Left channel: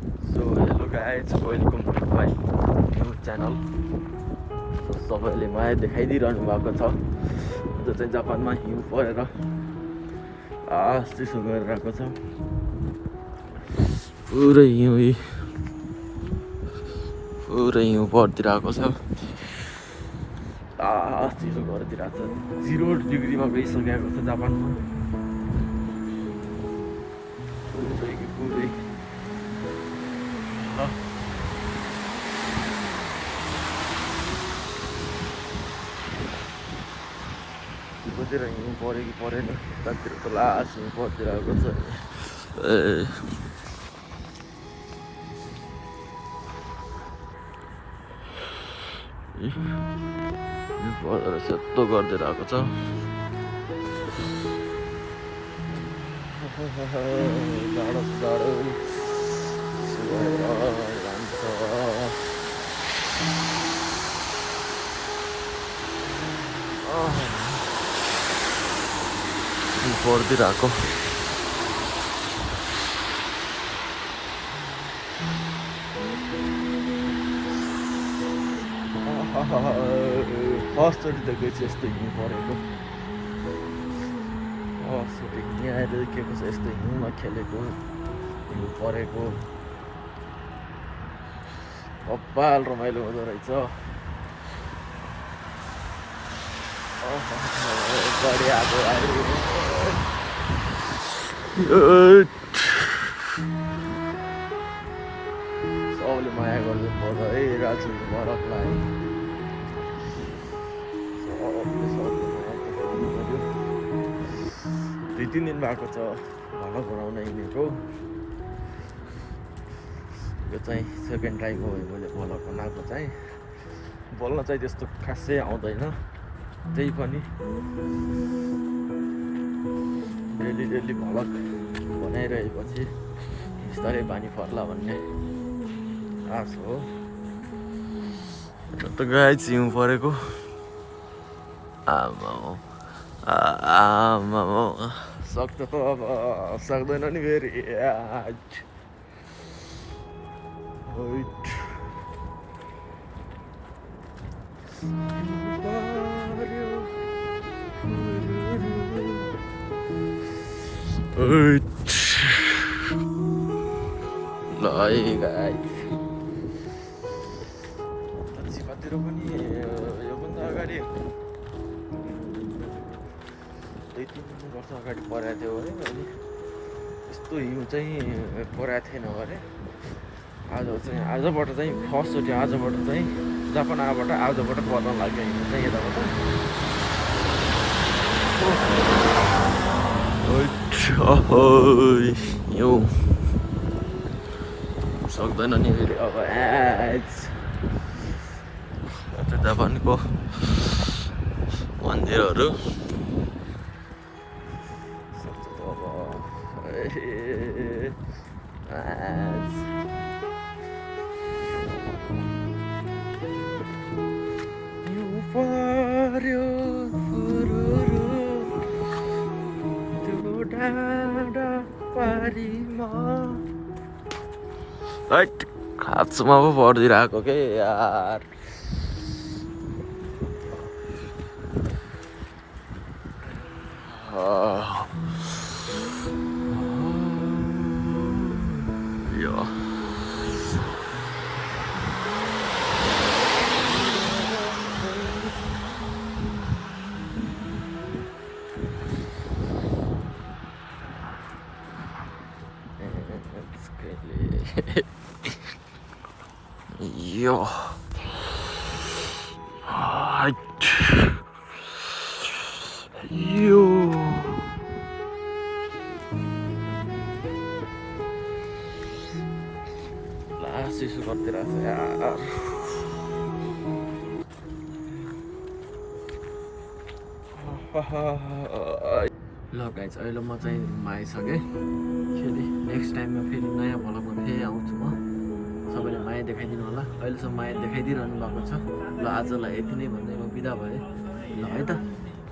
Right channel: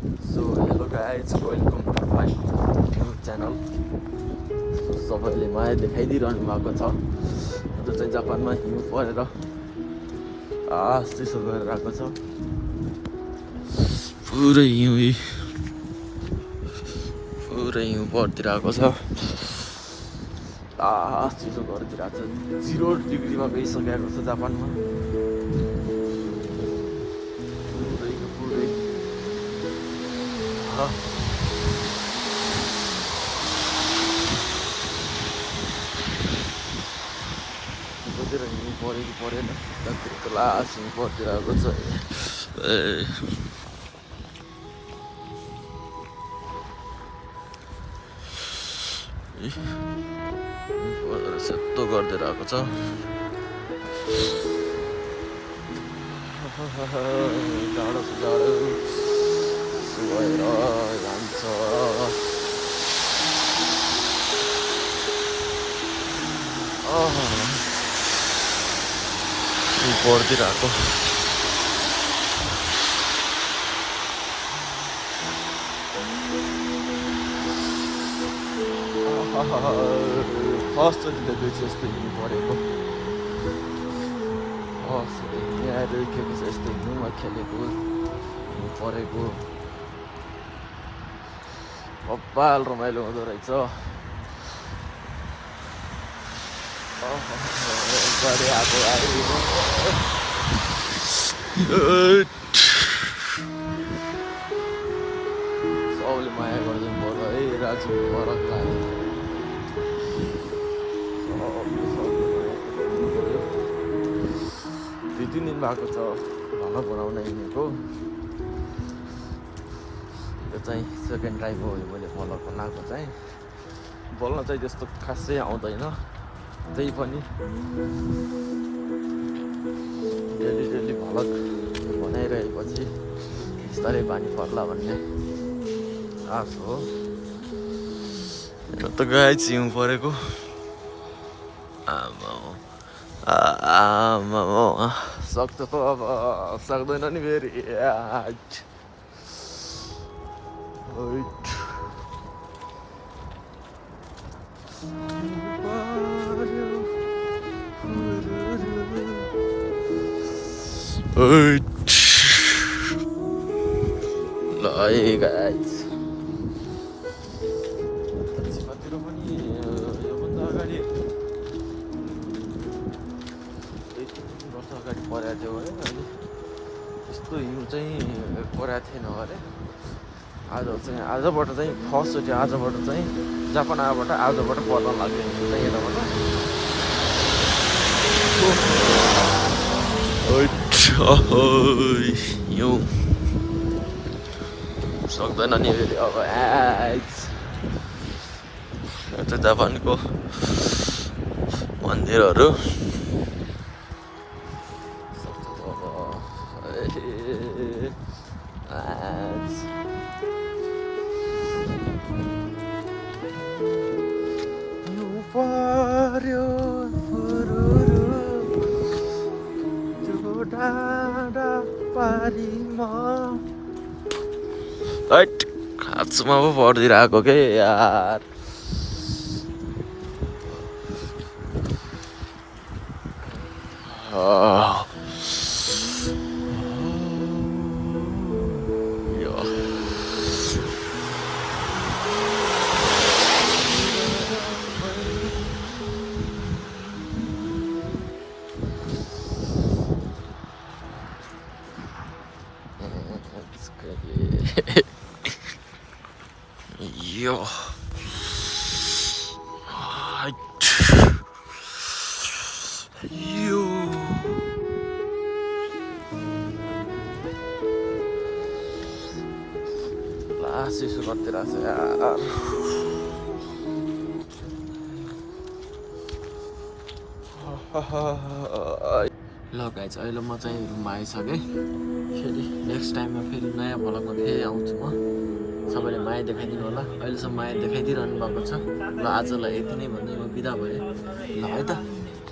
So hello guys, welcome to my new channel. सबैले मलाई देखाइदिइरहनु भएको छ जो चाहिँ जापानमा हिउँ परेर चिसो गरेर आएको छ। पुरै हिउँ परिदिरहेको छ। चिसो गरिदिरहेको छ। 0 डिग्रीमा गइसकेको छ जापानमा। पुरै कतितिर हिउँ परेको परेन, यतातिर त लास हिउँ परिदिरहेको छ। परेर सेतो गरिदिरहेको छ। जाडो जाडो भएर जान्छ। परिदिरहेको फर्स्टचोटि देखेपछि यस्तो हिउँ परेको। यहाँ आएर देखेको छ यस्तो हिउँमा खेलेको, हिउँ परेको। बब्बाल रमाइलो हुँदो रहेछ। गाडी आएको सबले माया गरिदिनु पर्छ है राजु भरतलाई। सबले माया गरिदिनु पर्यो। 2-3 दिन भएको छ बनाउन हिँडेको। यो चाहिँ सेकेन्ड टाइम हो मैले भल बनाएको चाहिँ। बोल्न चाहिँ त्यस्तो खासै आउँदैन, त्यही पनि डेली भलक बनाइरहेपछि बिस्तारै बानी पर्ला भन्ने आश हो। यो त गाई हिउँ परेको। आमा सक्छ त अब सक्दैन नि फेरि। ल है गाइस, चिपातिर पनि योभन्दा अगाडि 2-3 वर्ष अगाडि परेको थियो अरे। अनि यस्तो हिउँ चाहिँ परेको थिएन अरे। आजबाट चाहिँ फर्स्टचोटि आजबाट चाहिँ जापान आएबाट आजबाट पर्न लाग्यो हिउँ चाहिँ यताबाट। हिउँ सक्दैन नि फेरि अब। यो चाहिँ जापानको मन्दिरहरू सक्छ त अब। हिउँ पर्यो त्यो डाँडा पारीमा। खाँचोमा पो परिदिरहेको के यार। Yo. Yo. Susu seperti rasa ya. ल गाइज अहिले म चाहिँ रुममा आइसकेँ। फेरि नेक्स्ट टाइममा फेरि नयाँ भ्लगमा फेरि आउँछु म। सबैले माया देखाइदिनु होला। अहिलेसम्म माया देखाइदिइरहनु भएको छ। ल आजलाई यति नै भन्दै म बिदा भएँ। ल है त।